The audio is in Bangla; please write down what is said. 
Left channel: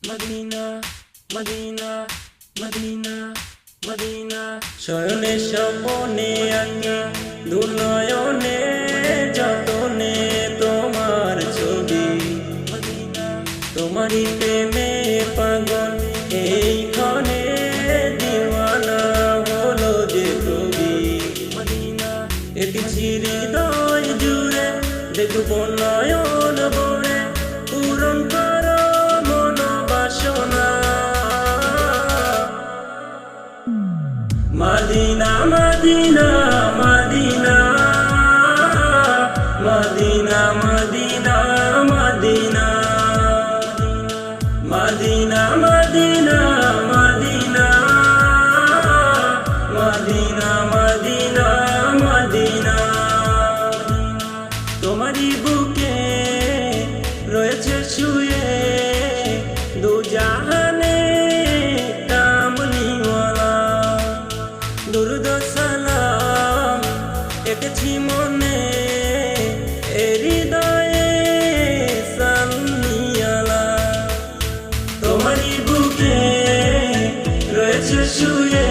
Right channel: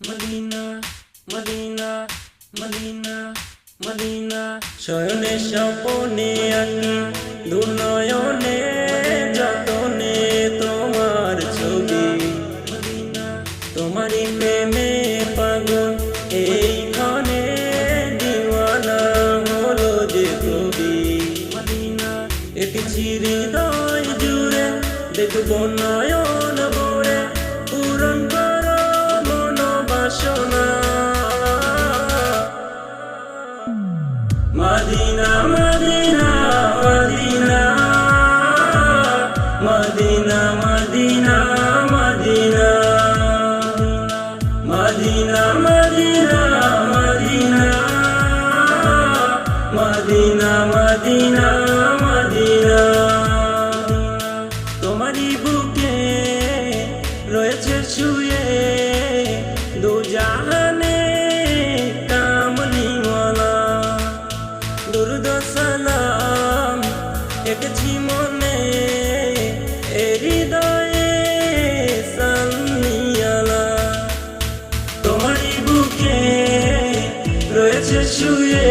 মদিনা মদিনা মদিনা মদিনা শয়নে স্বপনে আঁকি দুনয়নে যতনে তোমার ছবি তোমারই প্রেমে পাগল এইখানে দিওয়ানা হলো যে কবি একটি হৃদয় জুড়ে দেখবো নয়ন ভরে পূরণ করো মনোবাসনা Madina Madina Madina Madina Madina Madina Madina Madina Madina Madina Madina তোমারই বুকে রয়েছে শুয়ে দু জাহানে কামলিওয়ালা দুরুদ সালাম এঁকেছি মনে হৃদয়ে সাল্লিয়ালা তোমারই বুকে রয়েছে শুয়ে